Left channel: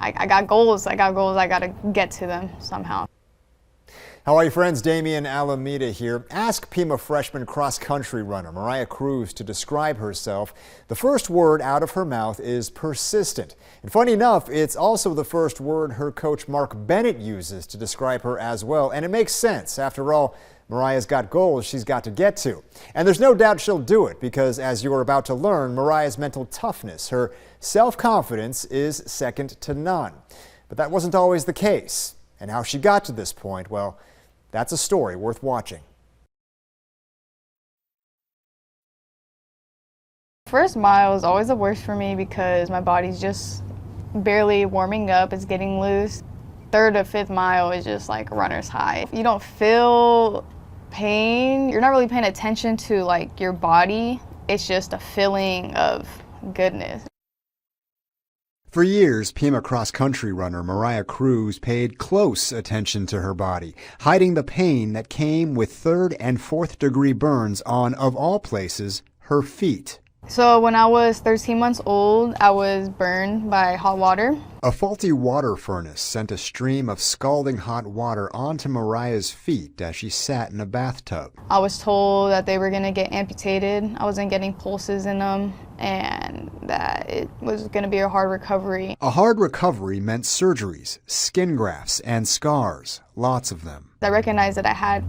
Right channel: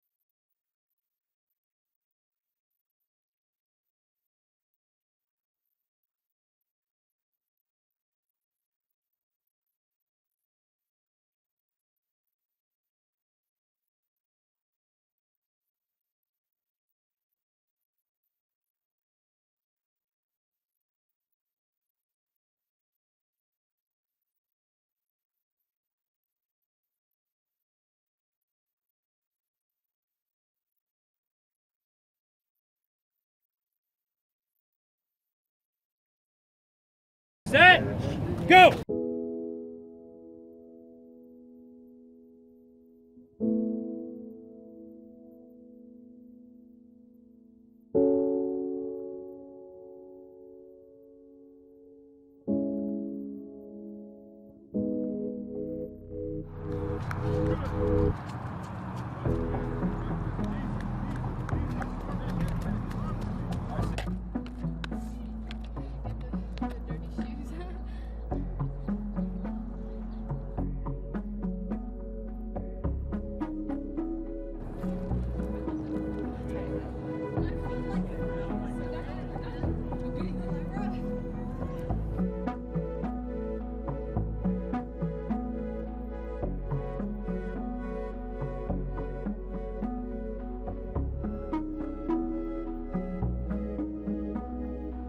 I got goals. I got to get to them somehow. How are you, friends? Damien, Alameda here. Ask Pima freshman cross-country runner Mariah Cruz to describe herself. The first word out of her mouth is persistent. And funny enough, it's also the first word her coach Mark Bennett uses to describe her as well. And it makes sense. After all, Mariah's got goals she's got to get to. And there's no doubt she'll do it because, as you're about to learn, Mariah's mental toughness, her self-confidence is second to none. But that wasn't always the case. And how she got to this point, well, that's a story worth watching. Set, go! First mile is always the worst for me because my body's just barely warming up, it's getting loose. Third to fifth mile is just like runner's high. You don't feel pain, you're not really paying attention to like your body. It's just a feeling of goodness. For years, Pima cross-country runner Mariah Cruz paid close attention to her body, hiding the pain that came with third and fourth degree burns on, of all places, her feet. So when I was 13 months old, I was burned by hot water. A faulty water furnace sent a stream of scalding hot water onto Mariah's feet as she sat in a bathtub. I was told that they were going to get amputated. I wasn't getting pulses in them, and that it was going to be a hard recovery. A hard recovery meant surgeries, skin grafts, and scars, lots of them. I recognized that I had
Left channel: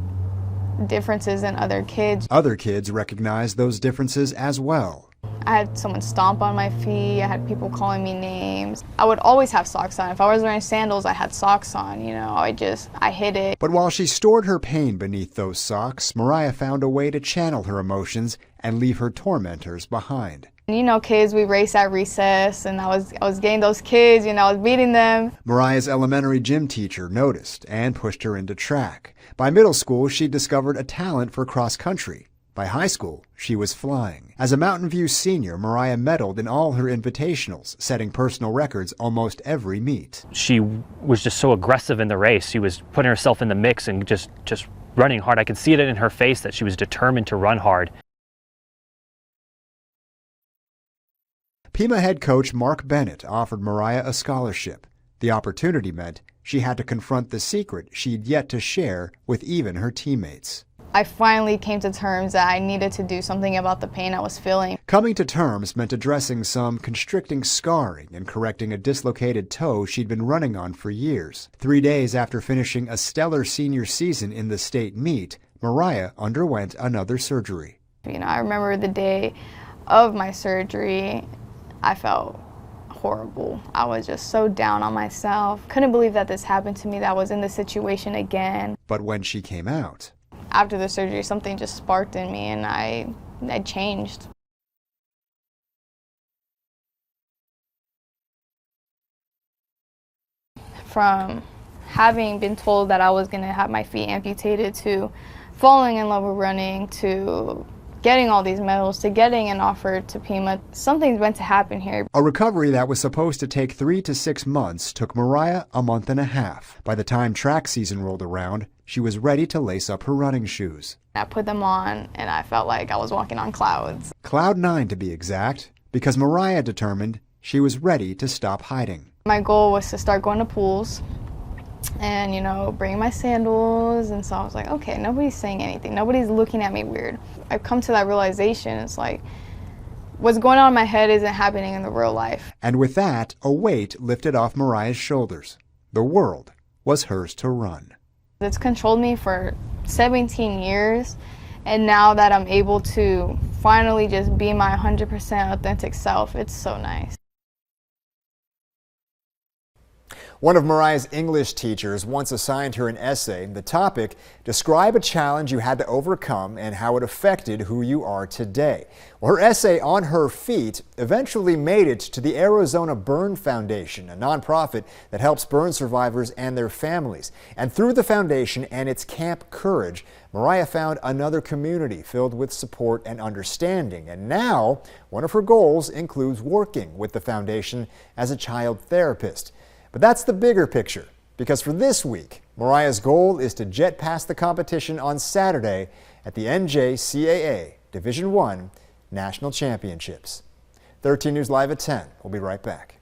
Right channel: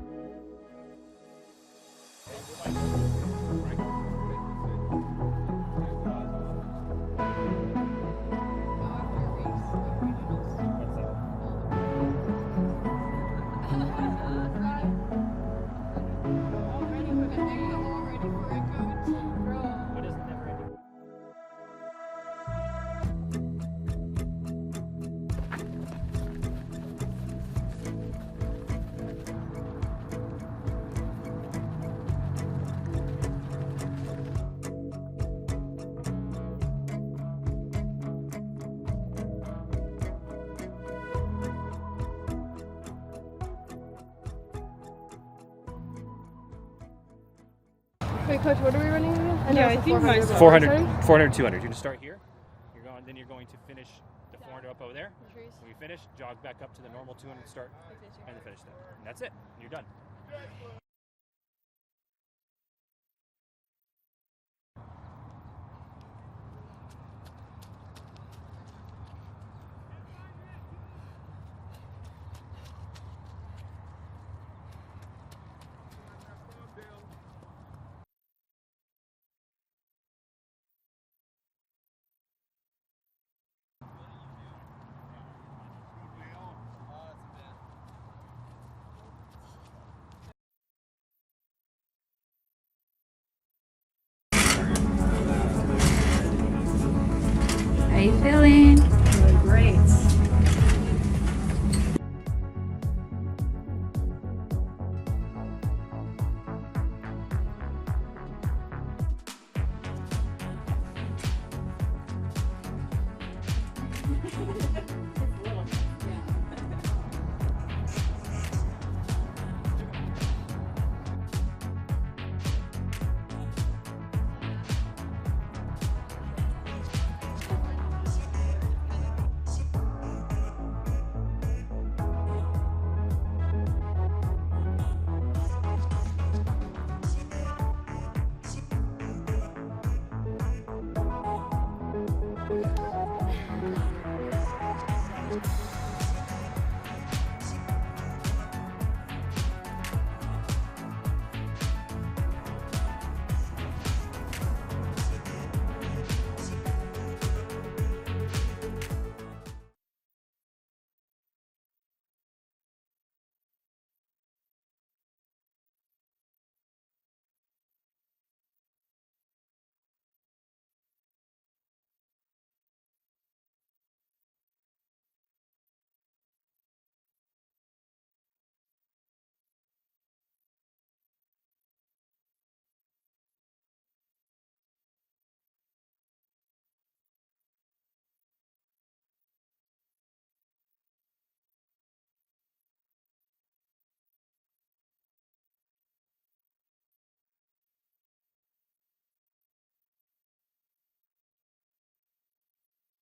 differences in other kids. Other kids recognized those differences as well. I had someone stomp on my feet, I had people calling me names. I would always have socks on. If I was wearing sandals, I had socks on, you know, I hid it. But while she stored her pain beneath those socks, Mariah found a way to channel her emotions and leave her tormentors behind. You know, kids, we race at recess, and I was getting those kids, you know, I was beating them. Mariah's elementary gym teacher noticed and pushed her into track. By middle school, she discovered a talent for cross-country. By high school, she was flying. As a Mountain View senior, Mariah medaled in all her invitationals, setting personal records almost every meet. She was just so aggressive in the race. She was putting herself in the mix and just running hard. I could see it in her face that she was determined to run hard. Wait, Coach, what are we running again? I think 400, 200. Pima head coach Mark Bennett offered Mariah a scholarship. The opportunity meant she had to confront the secret she'd yet to share with even her teammates. I finally came to terms that I needed to do something about the pain I was feeling. Coming to terms meant addressing some constricting scarring and correcting a dislocated toe she'd been running on for years. 3 days after finishing a stellar senior season in the state meet, Mariah underwent another surgery. You know, I remember the day of my surgery, I felt horrible. I was just so down on myself. Couldn't believe that this happened to me, that I was in this situation again. But when she came out, after the surgery, something just sparked in me, and I changed. How you feeling? Feeling great. From having been told that I was going to have my feet amputated, to falling in love with running, to getting all these medals, to getting an offer to Pima, something's meant to happen here. A recovery that was supposed to take 3 to 6 months took Mariah a month and a half. By the time track season rolled around, she was ready to lace up her running shoes. I put them on, and I felt like I was walking on clouds. Cloud 9 to be exact, because Mariah determined she was ready to stop hiding. My goal was to start going to pools and, you know, bring my sandals, and so I was like, okay, nobody's saying anything, nobody's looking at me weird. I've come to that realization, it's like, what's going on in my head isn't happening in the real life. And with that, a weight lifted off Mariah's shoulders. The world was hers to run. It's controlled me for 17 years, and now that I'm able to finally just be my 100% authentic self, it's so nice. One of Mariah's English teachers once assigned her an essay. The topic, describe a challenge you had to overcome and how it affected who you are today. Well, her essay on her feet eventually made it to the Arizona Burn Foundation, a nonprofit that helps burn survivors and their families. And through the foundation and its Camp Courage, Mariah found another community filled with support and understanding. And now, one of her goals includes working with the foundation as a child therapist. But that's the bigger picture, because for this week, Mariah's goal is to jet past the competition on Saturday at the NJCAA Division I National Championships. 13 News Live at 10. We'll be right back.